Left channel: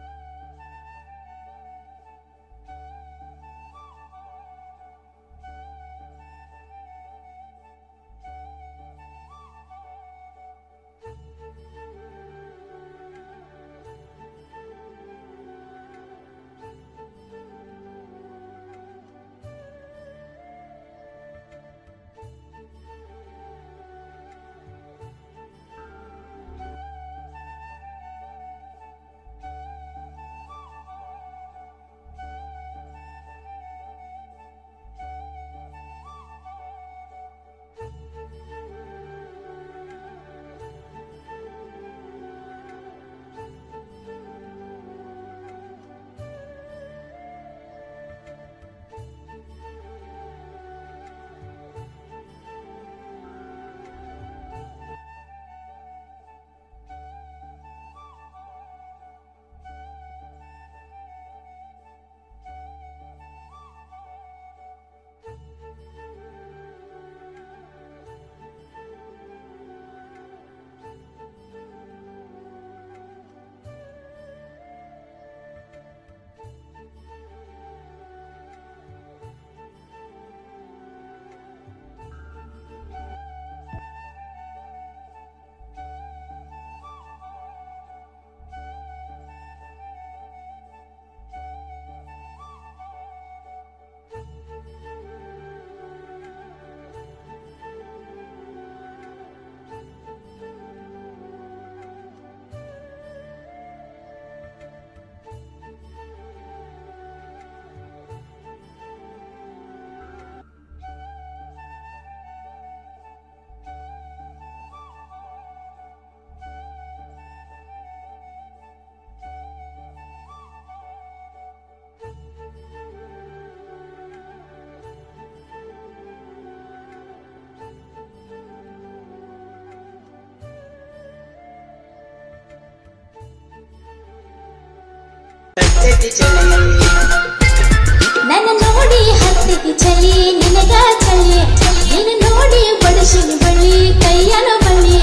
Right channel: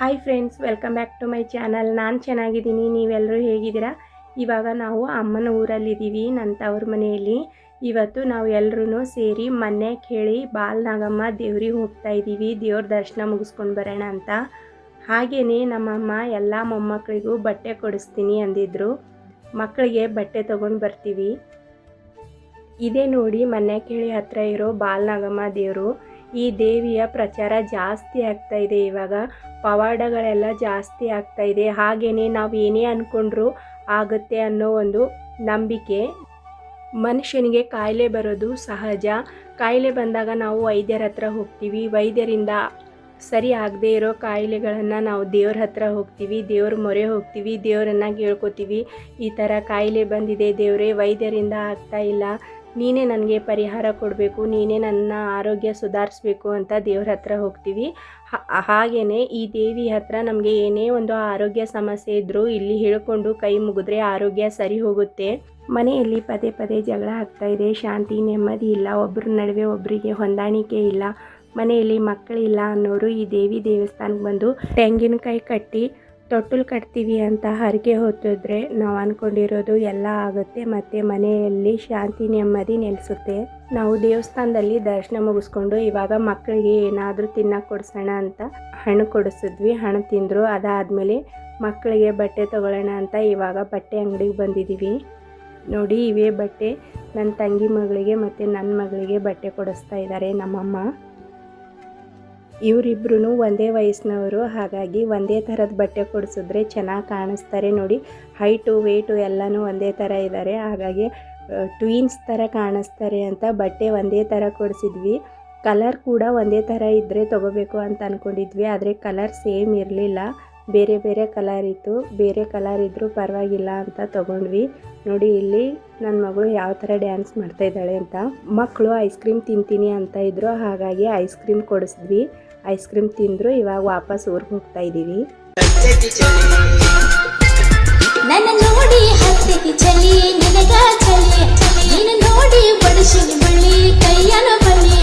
Hi friends, welcome back to my channel. ನಾನು ಚೆನ್ನಾಗಿದ್ದೀನಿ, ನೀವೆಲ್ಲರೂ ಹೇಗಿದ್ದೀರಾ? ಇವಾಗ ನಾವು ಅಮ್ಮನ ಊರಲ್ಲಿದ್ದೀವಿ, ನನ್ನ ತವ್ರ ಮನೆಯಲ್ಲಿ. ಇವತ್ತು ನಾವು ಎಲ್ಲರೂ ಸೇರಿ ಮೊನ್ನೆ ಕೇಳಿ ಬಾಲನಾಗಮ್ಮ ದೇವ್ರಿಗೆ ಹೋಗ್ತಾ ಇದ್ದೀವಿ, ದೇವ್ರ ದರ್ಶನ ಮುಗಿಸ್ಕೊಂಡು ಬರೋಣ ಅಂತ. ಹಾಗೆಯೇ ನಮ್ಮಮ್ಮ ಎಲ್ಲ ಮೊಮ್ಮಕ್ಕಳಿಗೂ ಬಟ್ಟೆ ಕೊಡಿಸ್ತೀನಿ ಅಂದಿದ್ರು. ಮಕ್ಕಳಿಗೆ ಬಟ್ಟೆ ತೊಗೊಂಡು ಬರ್ತೀವಿ. ಇದೇ ನೋಡಿ ಮೊನ್ನೆ ಕೇಳಿ ಹತ್ರ ಇರೋ ಬಾಲನಾಗಮ್ಮ ದೇವರು. ಈ ದೇವಿಯ ಪ್ರಚಾರ ಜಾಸ್ತಿ ಆಗ್ತಾ ಇದೆ. ಇವಾಗ ಪವಾಡಗಳೆಲ್ಲ ಜಾಸ್ತಿ ಆಗ್ತಾ ಇದೆ. ಹಾಗೆಯೇ ನಾವು ಏನೇ ಅಂದ್ಕೊಂಡ್ರೂ ಆಗುತ್ತೆ ಅನ್ನೋ ಒಂದು ನಂಬಿಕೆ. ಮನುಷ್ಯನಿಗೆ ಕಾಯಿಲೆ ಬರೋದು ಸಹಜ. ಕಾಯಿಲೆ ಬಂದಾಗ ನಾವು ವೈದ್ಯರ ಹತ್ರ ಹೋಗ್ತೀವಿ. ವೈದ್ಯರಿಂದ ಸರಿ ಆಗದೆ ಇರೋ ಕಾಯಿಲೆಗಳನ್ನು ನಾವು ದೇವ್ರ ಹತ್ರ ಹೋಗ್ತೀವಿ, ದೇವ್ರ ಮೊರೆ ಹೋಗ್ತೀವಿ, ದೇವರನ್ನು ಕೇಳ್ಕೊತೀವಿ. ಈ ಥರ ಕಾಯಿಲೆ ಬಂದಿದೆ ದೇವರೇ, ವೈದ್ಯರಿಂದ ಆಗ್ತಾ ಇಲ್ಲ, ನೀನೇ ನನಗೆ ಪರಿಹಾರ ಕೊಡಬೇಕು, ನೀನೇ ನನ್ನ ಆರೋಗ್ಯ ಸುಧಾರಿಸ್ಬೇಕು ಅಂತ ದೇವ್ರ ಹತ್ರ ಹೋಗ್ತೀವಿ. ಹಾಗೆಯೇ ಈ ದೇವಿ ಹತ್ರ ನಮಗೆ ಏನೇ ಒಂದು ಆರೋಗ್ಯ ಸಮಸ್ಯೆ ಇದ್ದರೂ ಇಲ್ಲಿ ಹೇಳ್ಕೊಂಡು ಕೈ ಮುಗಿದ್ರೆ ಆರೋಗ್ಯ ಸರಿ ಹೋಗುತ್ತೆ. ಮನೆಯಲ್ಲಿ ಪದೇ ಪದೇ ಜಗಳ ಆಗ್ತಾ ಇದೆ, ಶಾಂತಿ ನೆಮ್ಮದಿ ಇಲ್ಲ, ಒಬ್ಬರ ನಡುವೆ ಒಬ್ಬರಿಗೆ ಹೊಂದಾಣಿಕೆ ಇಲ್ಲ, ಮನೆಯಲ್ಲಿ ಮಕ್ಕಳಿಲ್ಲ ಅನ್ನೋರು ಈ ದೇವಿ ದೇವಸ್ಥಾನಕ್ಕೆ ಬಂದು ತೆಂಗಿನಕಾಯಿ ಕಟ್ಟಿ ತೊಟ್ಟಲು ಕಟ್ತೀವಿ ಅಂತ ಹರಕೆ ಹೊತ್ತಿದ್ರೆ ನಾವು ಅಂದ್ಕೊಂಡಿರೋದು ಎಲ್ಲ ಆಗುತ್ತೆ ಮತ್ತು ಮನೆಯಲ್ಲಿ ಶಾಂತಿ ನೆಮ್ಮದಿ ನೆಲೆಸುತ್ತೆ. ನಾವು ದೇವಸ್ಥಾನದಲ್ಲಿ ದರ್ಶನ ಮುಗಿಸ್ಕೊಂಡು ಇವಾಗ ಮಕ್ಕಳಿಗೆ ಏನಾದರೂ ತಿನ್ನಕ್ಕೆ ಕೊಡಿಸೋಣ ಅಂತ ಹಣ್ಣು ಕೊಡಿಸಿದ್ವಿ. ಹಣ್ಣು ತಿಂದರು. ಅದಾದಮೇಲೆ ಮಕ್ಕಳಿಗೆ ಬಟ್ಟೆ ತೊಗೊಳ್ಳೋಣ ಅಂತ ಇವಾಗ ಬಟ್ಟೆ ಅಂಗಡಿಗೆ ಬಂದಿದ್ದೀವಿ. ನೋಡಿ, ಇವೇ ಬಟ್ಟೆ. ನನ್ನ ತಂಗಿ ಮಗಳಿಗೆ ಮತ್ತು ನನ್ನ ಮಗಳಿಗೆ ಬಟ್ಟೆ ಕೊಡಿಸ್ತಾ ಇದ್ದಾರೆ ನಮ್ಮಮ್ಮ. ಇವರಿಬ್ಬರೂ ಒಂದೇ ವಯಸ್ಸಿನವರು, ಹಾಗಾಗಿ ಒಂದೇ ಥರದ ಬಟ್ಟೆ ಕೊಡಿಸಿದ್ರೆ ಚೆನ್ನಾಗಿ ಕಾಣಿಸ್ತಾರೆ. ನೋಡಿ, ಹೈಟು ವೆಯ್ಟು ಎಲ್ಲನೂ ಒಂದೇ ಥರ ಇದ್ದಾರೆ, ಹಾಗಾಗಿ ಟ್ವೀನ್ಸ್ ಥರ ಕಾಣಿಸ್ತಾರೆ ಅಂತ ಬಟ್ಟೆ ಒಂದೇ ಥರ ಕೊಡಿಸಿದ್ವಿ. ಕಲರ್ ಕೂಡ ಒಂದೇ ಥರ ಇದ್ದರೆ ತೊಗೋಬೇಕು ಅಂತ ಅಂದ್ಕೊಂಡಿದ್ವಿ, ಆದರೆ ಕಲರ್ ಸೇಮ್ ಇರಲಿಲ್ಲ, ಬೇರೆ ಬೇರೆ ಕಲರ್ ಇತ್ತು. ಬೇರೆ ಕಲರ್ ಇದ್ದರೂ ಪರವಾಗಿಲ್ಲ ಅಂತ ತೊಗೊಂಡ್ವಿ. ನೋಡಿ, ಇಲ್ಲಿ ನನ್ನ ಮಗಳು ಯಾವ ಥರ ಡ್ಯಾನ್ಸ್ ಮಾಡ್ತಾಯಿದ್ದಾಳೆ ಅಂತ. ಮಕ್ಕಳು ಐಸ್ ಕ್ರೀಮ್ ತಿಂತೀನಿ ಅಂತ ಇದ್ರು, ಹಾಗಾಗಿ ಐಸ್ ಕ್ರೀಮ್ ಕೊಡಿಸಿದ್ವಿ. ಐಸ್ ಕ್ರೀಮ್ ತಿಂದರು. ಇವಾಗ ವಾಪಸ್ ಊರಿಗೆ ಹೋಗ್ತಾ ಇದ್ದೀವಿ. ನನ್ನ ನೋಡಿ ಹತ್ತಿಗೆ ಚಳಿ, ನಿನಗ ಚಳಿ, ನೀನು ನೋಡಿ ಬಡಿಸಿನಿ ಬಳ್ಳಿ, ಕೈಯನ ಬಳ್ಳಿ.